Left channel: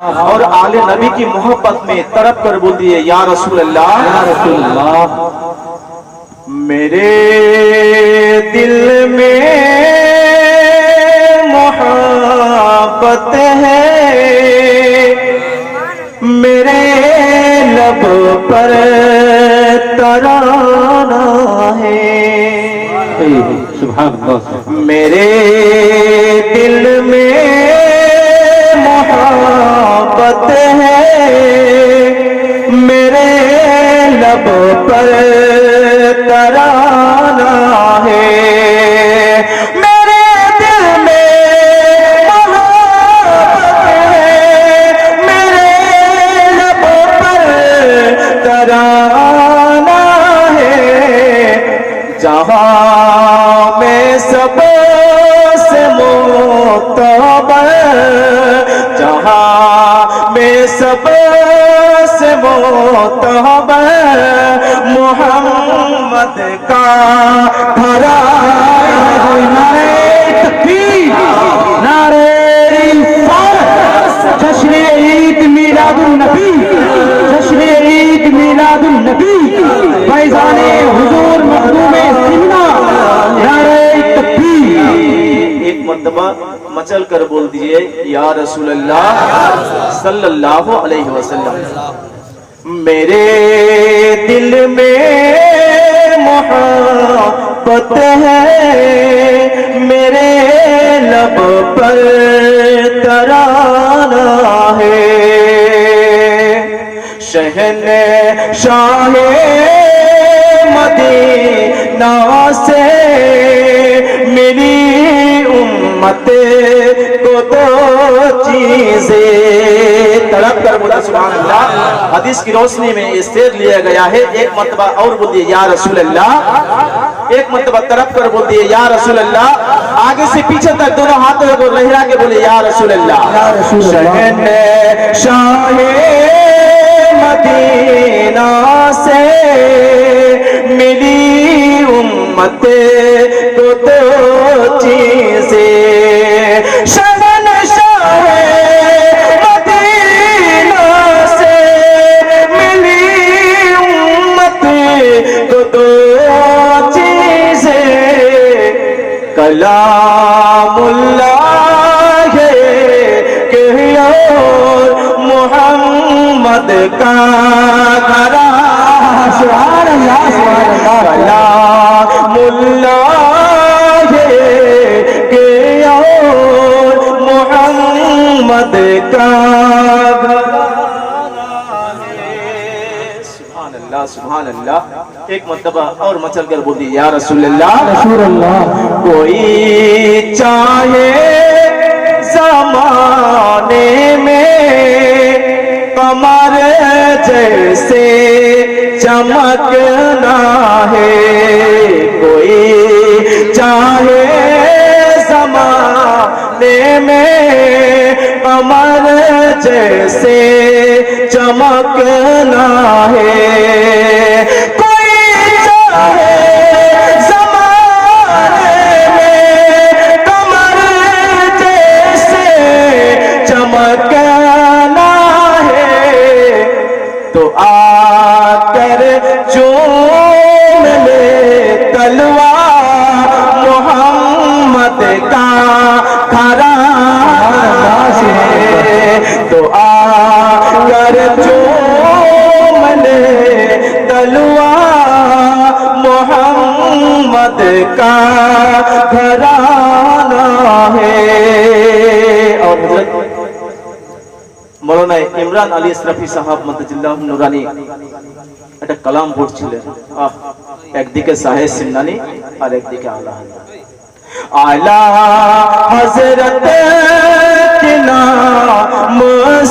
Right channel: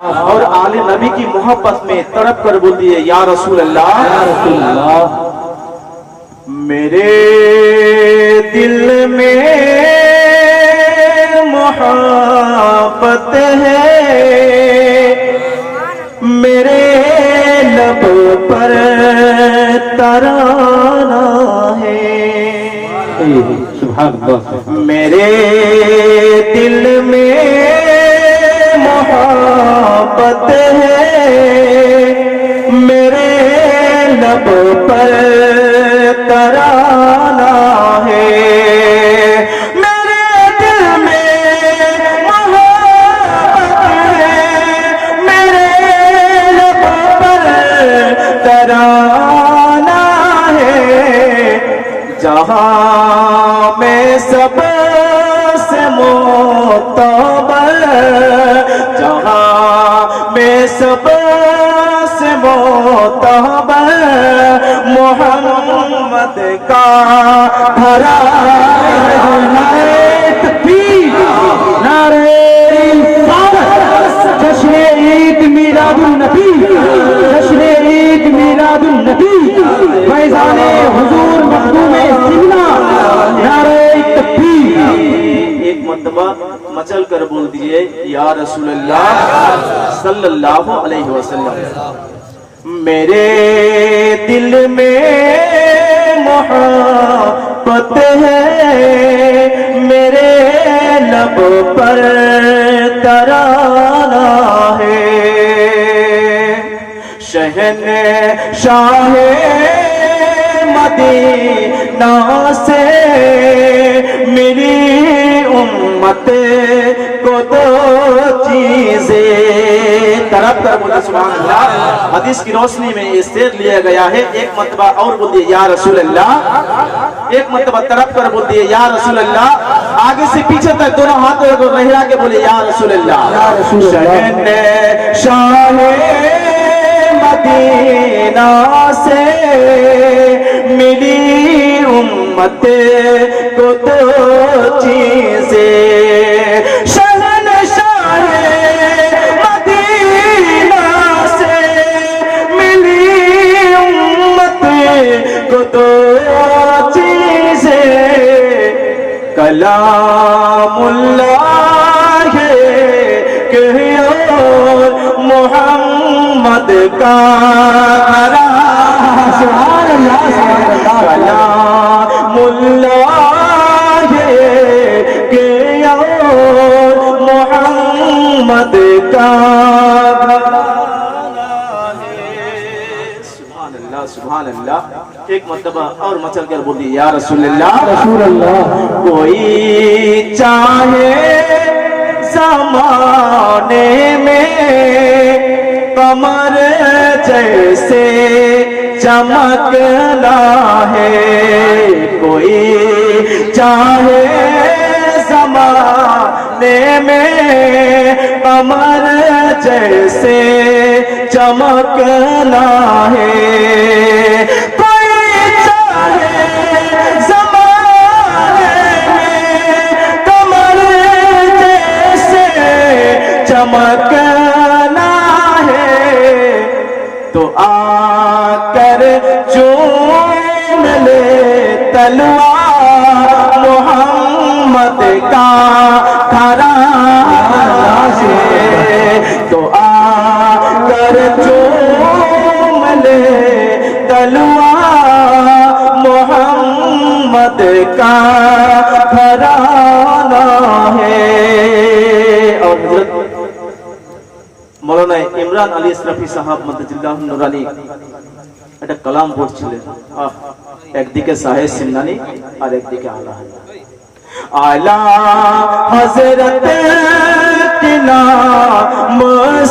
اور آل نبی کی محبت میں تڑپ کر بول دیے یا رسول اللہ، یا رسول اللہ۔ میرے دل میں محبت ہے، میرے لب پر ترانہ ہے، سبحان اللہ۔ میرے دل میں محبت ہے، میرے لب پر ترانہ ہے، میرے دل میں محبت ہے، میرے لب پر ترانہ ہے، جہاں میں سب سے معتبر، جہاں میں سب سے معتبر محمد کا گھرانہ ہے۔ نعرہ رسالت، جشن عید میلاد النبی، جشن عید میلاد النبی، فیضان حضور مخدوم سیدنا، نعرہ تکبیر۔ ایک مرتبہ مچل کر بول دیجئے یا رسول اللہ صلی اللہ علیہ وسلم۔ میرے دل میں محبت ہے، میرے لب پر ترانہ ہے، شہنشاہ مدینہ سے میری امت کو دو چیزیں طلب کر بولا سبحان اللہ۔ حدیث کی روشنی میں یہ شعر لیا گیا ہے، ایک مرتبہ اور بول دیے یا رسول اللہ، ایک مرتبہ طلب کر بول دیے یا رسول اللہ، آگے سے پیچھے تک دونوں ہاتھوں کو رہا کے بولے یا رسول اللہ۔ شہنشاہ مدینہ سے میری امت کو دو چیزیں، شہنشاہ مدینہ سے میری امت کو دو چیزیں، کلام اللہ کے اور محمد کا گھرانہ، سبحان اللہ سبحان اللہ۔ کلام اللہ کے اور محمد کا گھرانہ ہے، سبحان اللہ سبحان اللہ۔ ایک مرتبہ اور مچل کر بولی یا رسول اللہ، رسول اللہ۔ کوئی چاہے زمانے میں قمر جیسے چمکنا ہے، کوئی چاہے زمانے میں قمر جیسے چمکنا ہے، چمکنا ہے تو آ کر چوم لے تلوار محمد کا گھرانہ ہے، تو آ کر چوم لے تلوار محمد کا گھرانہ ہے۔ اور مولانا ইমরান আলী ইসরাফি সাহাব মদজিল্লাহ নুরানি একটা কালাম পড়ছিলেন, একদিকে সাহেব সিমনানি আর একদিকে আলা হযরত কি নাম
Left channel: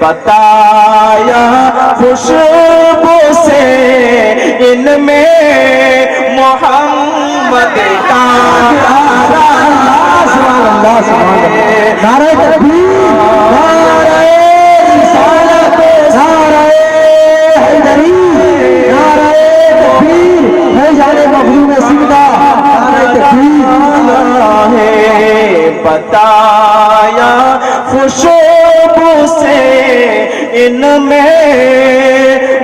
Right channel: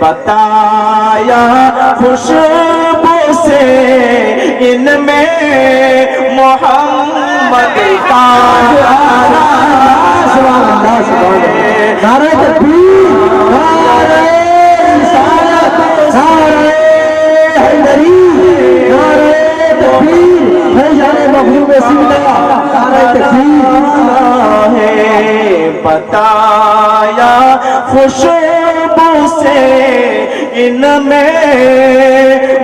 بتایا خوشبو سے ان میں محمد کا نعرہ تکبیر، نعرہ رسالت، نعرہ حیدری، نعرہ تکبیر، ہے جان مخلوق سیدہ، نعرہ تکبیر ہے بتایا خوشبو سے ان میں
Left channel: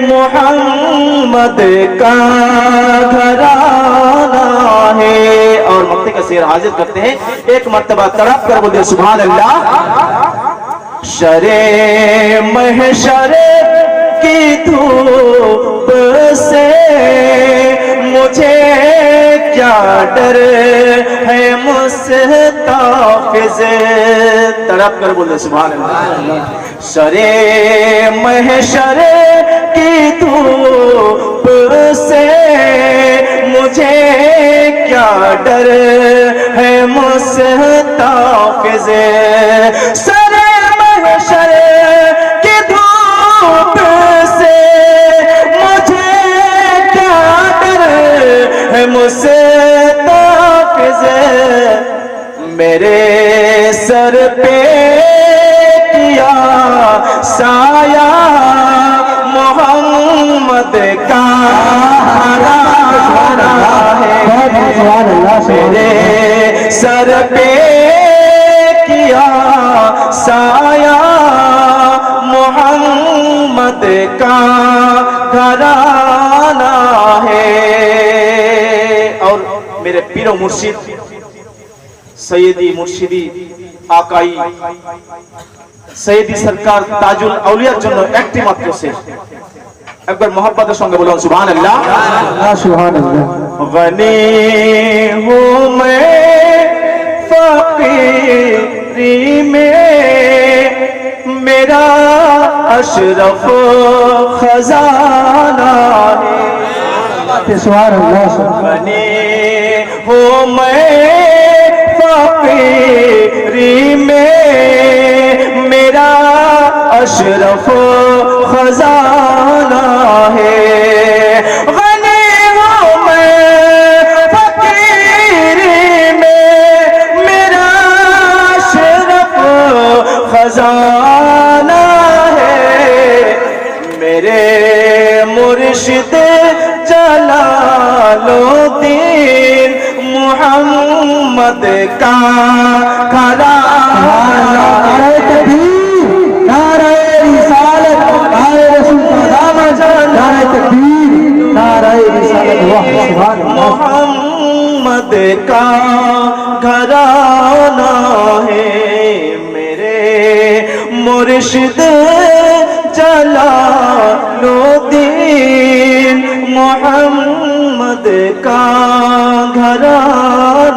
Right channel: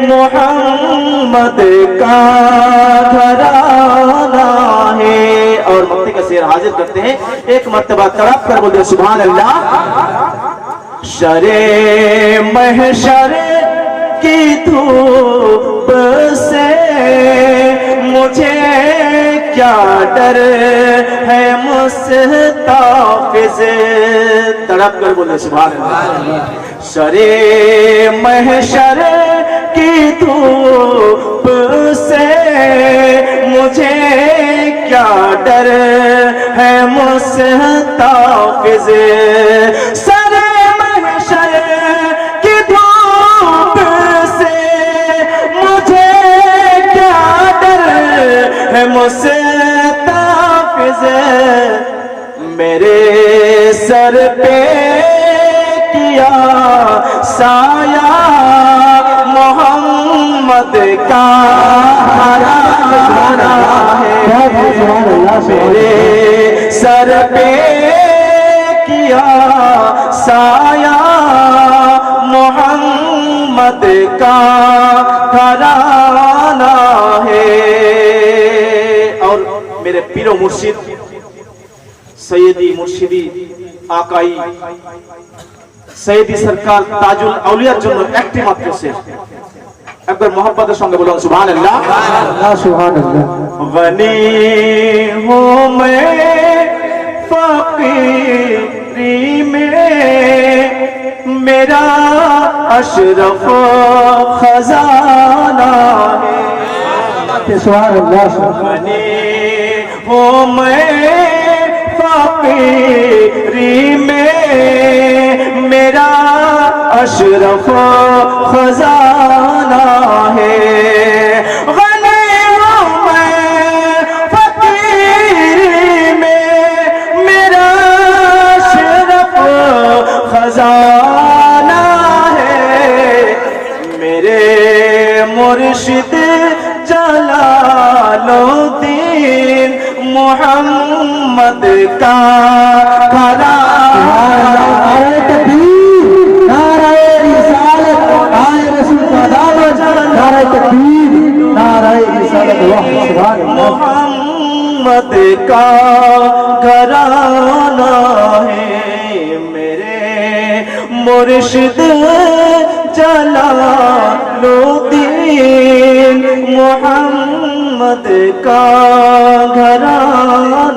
محمد کا گھرانہ ہے۔ اور مقطع کا شعر حاضر کرتے ہیں، ایک مرتبہ تڑپ کر بولے سبحان اللہ۔ شرے محشر کی دھوپ سے مجھے کیا ڈر ہے مستحفظ، تڑپ کر بولے سبحان اللہ۔ شرے محشر کی دھوپ سے مجھے کیا ڈر ہے مستحفظ، سرے محشر کی دھوپ سے مجھے کیا ڈر ہے مستحفظ، میرے سر پہ کیا سایہ محمد کا گھرانہ ہے، میرے سر پہ کیا سایہ محمد کا گھرانہ ہے۔ اور میرے پیر و مرشد سیدی مرشدی آقائی سیدی سرکار তাজ আউলিয়ার জন্য একটি মাত্র শের, একবার মোহাব্বতের সঙ্গে বলুন সুবহান আল্লাহ। سبحان اللہ غنی ہوں میں فقیری میں میرا اشرف خزانہ ہے، سبحان اللہ غنی ہوں میں فقیری میں میرا اشرف خزانہ ہے، غنی ہوں میں فقیری میں میرا اشرف خزانہ ہے، میرے مرشد جلال الدین محمد کا گھرانہ نعرہ تکبیر، نعرہ رسالت، نعرہ رسول خدا، نعرہ تکبیر، نعرہ رسالت، واہ سبحان اللہ محمد کا گھرانہ ہے، میرے مرشد جلال الدین محمد کا گھرانہ